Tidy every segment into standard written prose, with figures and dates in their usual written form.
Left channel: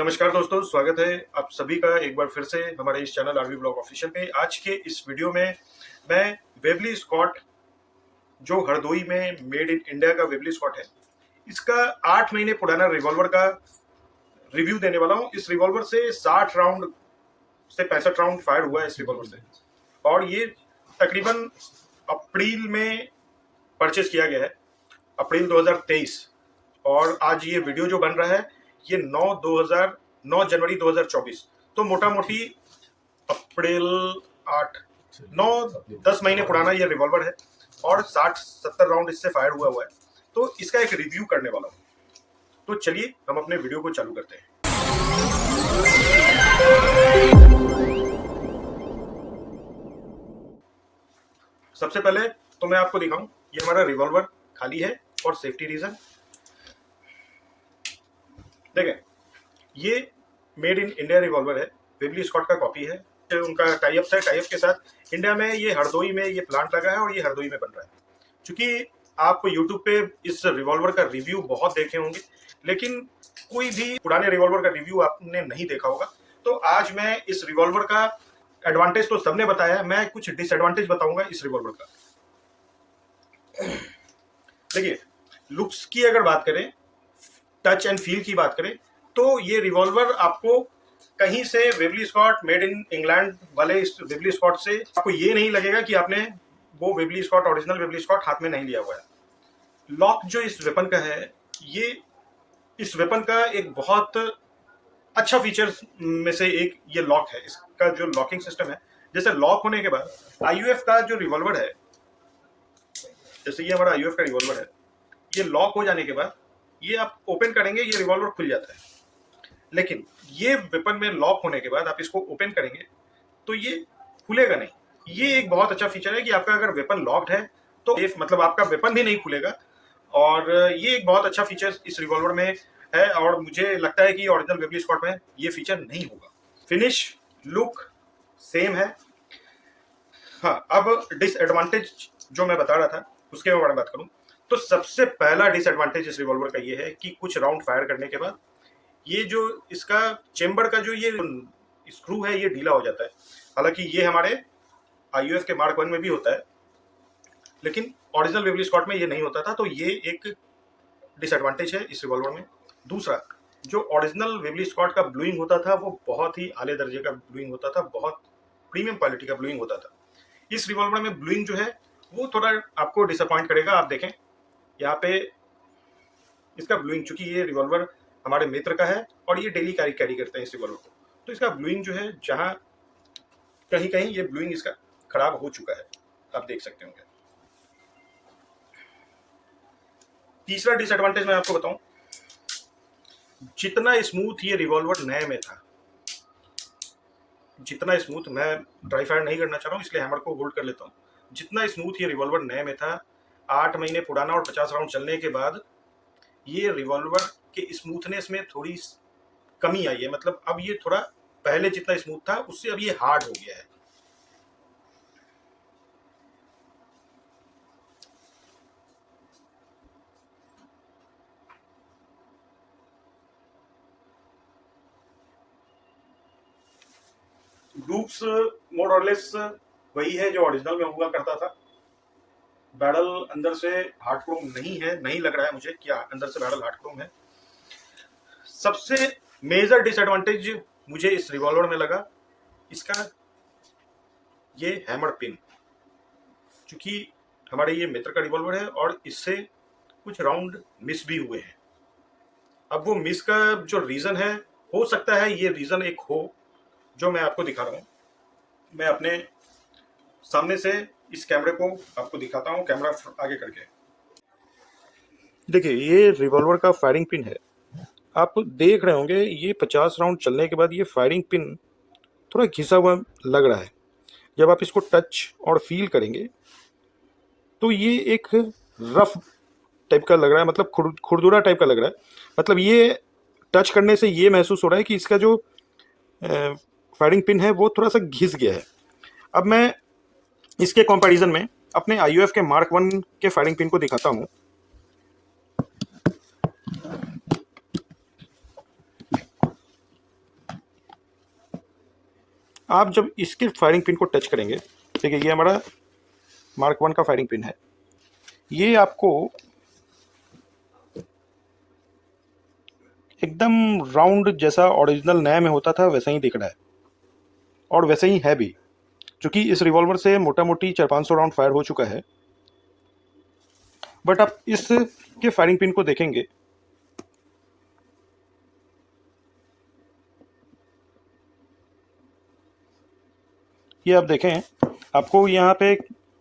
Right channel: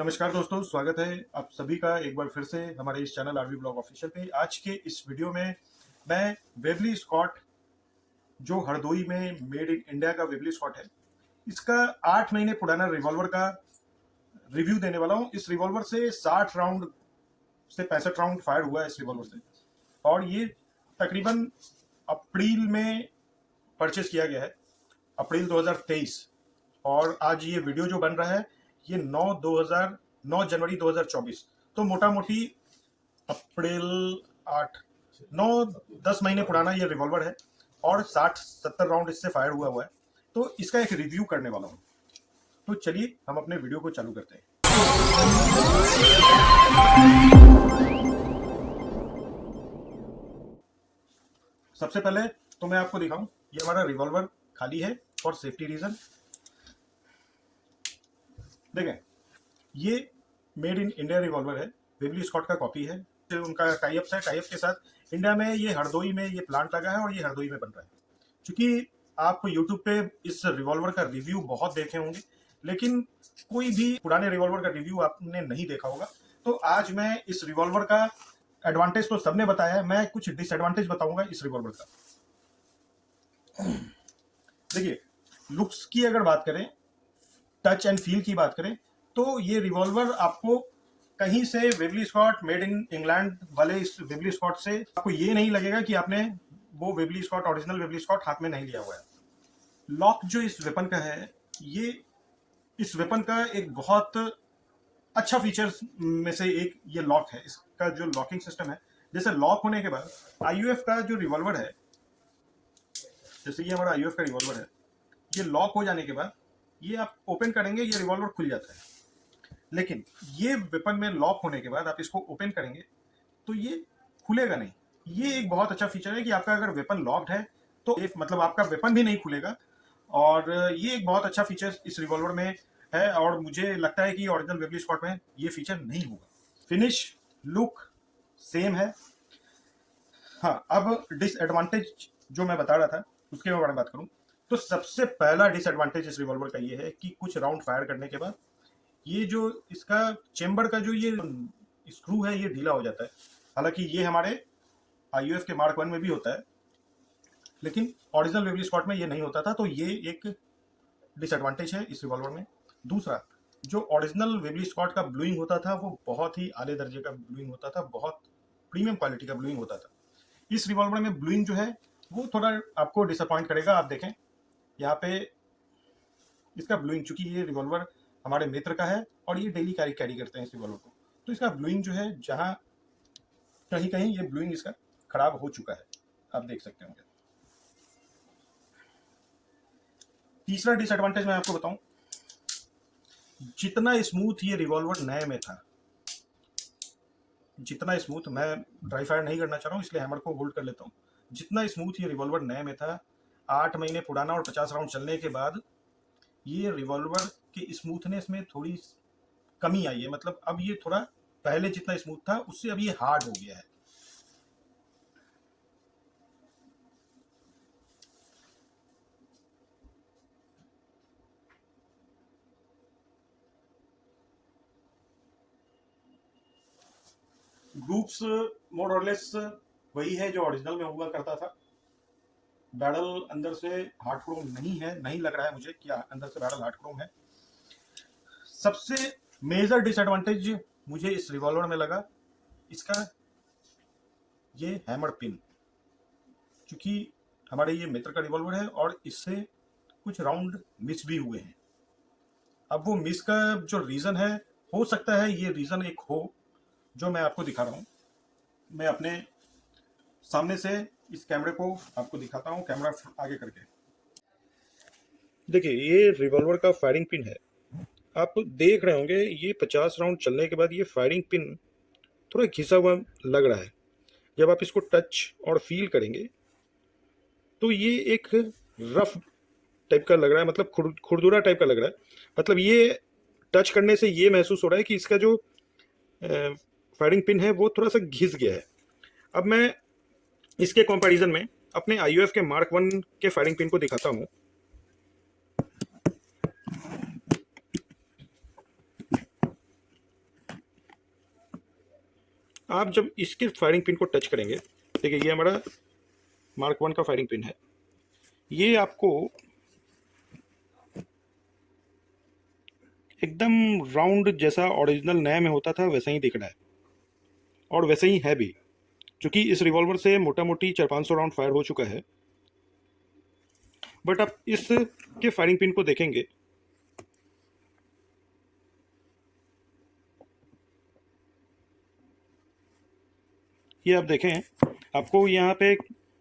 नमस्कार दोस्तों, स्वागत है आप सभी का एक बार फिर से हमारे इस चैनल आरवी ब्लॉग ऑफिशियल पे। आज के इस वीडियो में मैं वेबली स्कॉट, जो हरदोई में मेड इन इंडिया का वेबली स्कॉट है, इसका 8 महीने पुराना रिवॉल्वर का रिव्यू देने वाला हूँ। इस रिवॉल्वर से 60 राउंड से 65 राउंड फायर हुआ है इस रिवॉल्वर से, और ये तकरीबन अप्रैल में परचेज किया गया है, अप्रैल 2023। और आज ये वीडियो जो बन रहा है ये 9 जनवरी 2024, तो मोटा मोटी अप्रैल 8 9 10 महीने पुराना ये रिवॉल्वर है और 60-70 राउंड इससे फायर हुआ है। तो इसका एक रिव्यू करने वाला हूँ। तो चलिए हम अपने वीडियो को चालू करते हैं। सबसे पहले तो मैं आपको दिखाऊं, ये हमारा रिवॉल्वर खाली है फॉर सेफ्टी रीजन। देखें, ये मेड इन इंडिया रिवॉल्वर है, वेबली स्कॉट का कॉपी है। उनका टाइप है, टाइप के साथ इंडिया में ये हरदोई में ये प्लांट लगा है और ये हरदोई में बन रहा है। क्योंकि आप यूट्यूब पे इस रिवॉल्वर का रिव्यू बहुत देखे होंगे, लेकिन कोई भी पुराने रिवॉल्वर का रिव्यू आपने नहीं देखा होगा। तो आज मैं इस रिवॉल्वर का एडवांटेज तो सबने बताया है, मैं कुछ डिसएडवांटेज बताऊंगा इस रिवॉल्वर का। देखिए, लुक्स की अगर बात करें, टच एंड फील की बात करें, तो ये रिवॉल्वर आपको कहीं से Webley Scott made in England वाले इस वेबली स्कॉट से आपको ये नहीं लगेगा कि आपने वो Webley Scott, original Webley Scott हाथ में नहीं लिया हुआ है। लॉक जो इस वेपन का है, ये इस वेपन का एक बहुत अच्छा फीचर्स में से एक ये लॉक है। इसका जो लॉकिंग सिस्टम है, जैसे लॉक होने के बाद आईयूएफ का जो रिवॉल्वर है, जैसे ये हमारा आईयूएफ का रिवॉल्वर है, ये लॉक हो जाने के बाद ये आप ओपन करेंगे, ये रिवॉल्वर खुल जाता है। लेकिन ये वेपन में लॉक होने के बाद आप इसको ओपन करेंगे तो ये खुलेगा नहीं। ये एक बहुत अच्छा फीचर है कि आपका अगर वेपन लॉक्ड है तो मतलब आपका वेपन भी नहीं खुलेगा, और ये एक बहुत अच्छा फीचर इस रिवॉल्वर में है, और मुझे लगता है कि ओरिजिनल वेबली स्कॉट में ये फीचर नहीं होगा। फिनिश लुक सेम है। हाँ, अब डिसएडवांटेज जो मैं बता रहा था उसके बारे में बात करूं, तो सबसे पहला डिसएडवांटेज इस रिवॉल्वर का ये है कि कुछ राउंड फायर करने के बाद ये जो इसका चेम्बर का जो ये स्क्रू है ये ढीला हो जाता है। हालांकि ये हमारे आईयूएफ के मार्क 1 में भी होता है, लेकिन ओरिजिनल वेबली स्कॉट में ये नहीं होता था, तो ये एक डिसएडवांटेज है इस रिवॉल्वर में। दूसरा, जो ओरिजिनल वेबली स्कॉट का ब्लूइंग होता था वो बहुत ही आले दर्जे का ब्लूइंग होता था, बहुत प्रीमियम क्वालिटी का ब्लूइंग होता था। इस रिवॉल्वर में ब्लूइंग जो है वो थोड़ा आपको डिसअपॉइंट करेगा। आप देखें यहाँ पे इसका ब्लूइंग, चूंकि ये रिवॉल्वर हमारे मित्र का है और ये डेली कैरी करते हैं इस रिवॉल्वर को, तो इसका ब्लूइंग जो है जहां कहीं कहीं ये ब्लूइंग इसका खराब हो चुका है, आप देख सकते होंगे। तीसरा डिसएडवांटेज मैं आपको बताऊं, जितना स्मूथ ये रिवॉल्वर नए में था, जितना स्मूथ, मैं ड्राई फायर नहीं करना चाह रहा हूँ इसलिए हैमर को होल्ड कर लेता हूँ, जितना स्मूथ ये रिवॉल्वर नए में था, 8 महीने पुराना और 50 राउंड चलने के बाद ये रिवॉल्वर के स्मूथनेस में थोड़ी कमी आई है। मतलब अब ये थोड़ा पहले जितना स्मूथ था उससे अब ये हार्ड हो गया है। लूप्स मोर और लेस वही है जो ओरिजिनल में हुआ करता था। बैरल अंदर से हार्ड क्रोम नहीं है, नहीं लग रहा है मुझे कि अंदर से बैरल हार्ड क्रोम है। सबसे मेजर डिसएडवांटेज मुझे इस रिवॉल्वर में लगा इसका ये हैमर पिन, क्योंकि हमारे ये मित्र का रिवॉल्वर है और इससे कुछ राउंड मिस भी हुए हैं। अब वो मिस का जो रीजन है, हो सकता है ये रीजन एक हो जो मैं आपको दिखा रहा हूँ। मैं अपने सामने से इस कैमरे को आपको दिखाता हूँ, कैमरा आगे करके। देखिए, ये रिवॉल्वर का फायरिंग पिन है, आप देख रहे होंगे ये 50 राउंड चलने के बाद ये फायरिंग पिन थोड़ा घिसा हुआ लग रहा है। जब आप इसको टच और फील करेंगे तो ये एक रफ टाइप का लग रहा है, मतलब खुरदुरा टाइप का लग रहा है। मतलब ये टच करने से ये महसूस हो रहा है कि इसका जो फायरिंग पिन है वो थोड़ा सा घिस गया है। अब मैं इसके कंपैरिजन में अपने आईयूएफ के मार्क 1 के फायरिंग पिन को दिखाता हूँ। आप जब इसके फायरिंग पिन को टच करेंगे, देखिए ये हमारा मार्क 1 का फायरिंग पिन है, ये आपको एकदम राउंड जैसा ओरिजिनल नया में होता था वैसा ही दिख रहा है, और वैसे ही है भी, क्योंकि इस रिवॉल्वर से मोटा मोटी 400-500 राउंड फायर हो चुका है। बट आप इस के फायरिंग पिन को देखेंगे, ये आप देखें, आपको यहाँ पे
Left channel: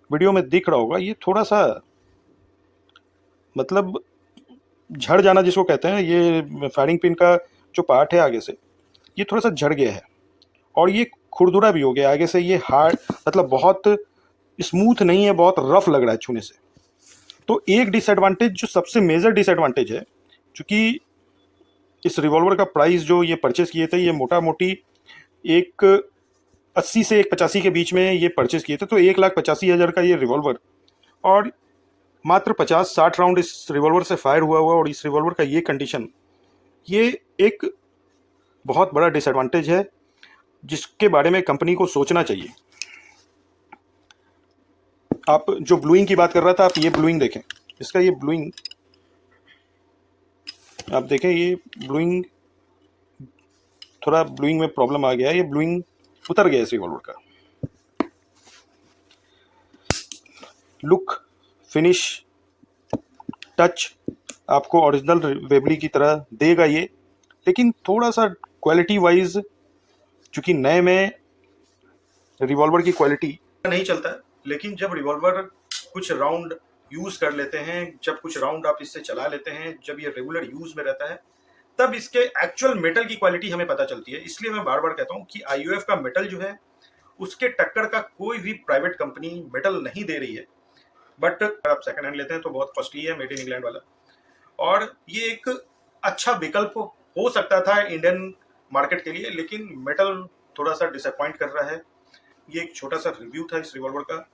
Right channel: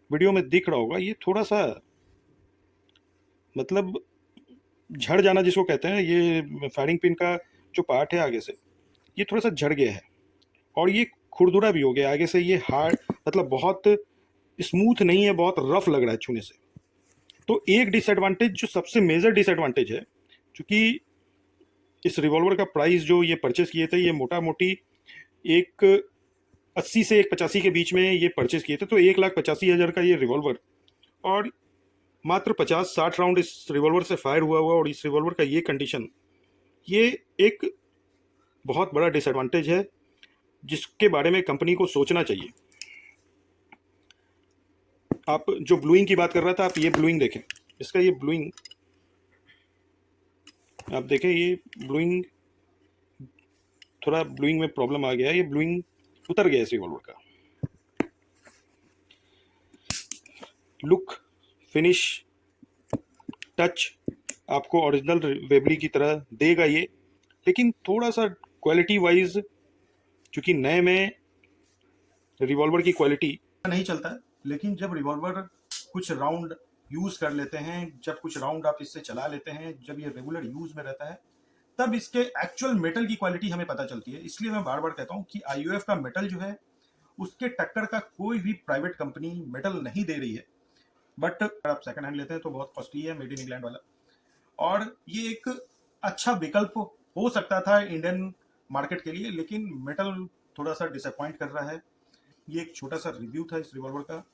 वीडियो में दिख रहा होगा, ये थोड़ा सा मतलब झड़ जाना जिसको कहते हैं, ये फायरिंग पिन का जो पार्ट है आगे से, ये थोड़ा सा झड़ गया है, और ये खुरदुरा भी हो गया आगे से, ये हार्ड मतलब बहुत स्मूथ नहीं है, बहुत रफ लग रहा है छूने से। तो एक डिसएडवांटेज, जो सबसे मेजर डिसएडवांटेज है, क्योंकि इस रिवॉल्वर का प्राइस जो ये परचेस किए थे, ये मोटा मोटी एक 80 से 185 के बीच में ये परचेस किए थे, तो 1,85,000 का ये रिवॉल्वर, और मात्र 50-60 राउंड इस रिवॉल्वर से फायर हुआ, और इस रिवॉल्वर का ये कंडीशन, ये एक बहुत बड़ा डिसएडवांटेज है जिसके बारे में कंपनी को सोचना चाहिए। आप जो ब्लूइंग की बात कर रहा था, आप ये ब्लूइंग देखें, इसका ये ब्लूइंग आप देखें, ये ब्लूइंग थोड़ा ब्लूइंग में प्रॉब्लम आ गया है, ये ब्लूइंग उतर गया इस रिवॉल्वर का। लुक, फिनिश, टच आपको ओरिजिनल वेबली की तरह देगा ये, लेकिन थोड़ा सा क्वालिटी वाइज, चूंकि नए में रिवॉल्वर की क्वालिटी नहीं चलता है, लेकिन जब रिवॉल्वर कुछ राउंड यूज कर लेते हैं, जब कुछ राउंड आप इससे चला लेते हैं, जब ये रेगुलर यूज में रहता है, तब इसके एक्चुअल मेटल की क्वालिटी हमें पता चलती है। इसलिए मैं बार बार कहता हूं कि आईयूएफ का मेटल जो है, उसके टक्कर का कोई भी प्राइवेट कंपनी मेटल नहीं दे रही है। बट अगर आप सेकंड हैंड लेते हैं तो बहुत कॉस्टली है, मेड इन इंग्लैंड वाला, और ये एक अच्छा विकल्प हो सकता था इंडियन मार्केट के लिए, लेकिन मेटल थोड़ा सा डिसअपॉइंट कर रहा है। ये एक छोटा सा रिव्यू था इस रिवॉल्वर का,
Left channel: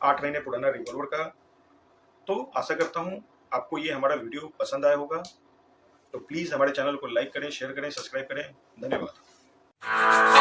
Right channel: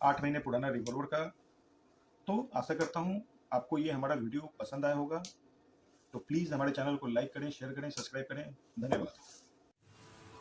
8 महीने पुराना रिवॉल्वर का। तो आशा करता हूँ आपको ये हमारा वीडियो पसंद आया होगा। तो प्लीज़ हमारे चैनल को लाइक करें, शेयर करें, सब्सक्राइब करें। धन्यवाद।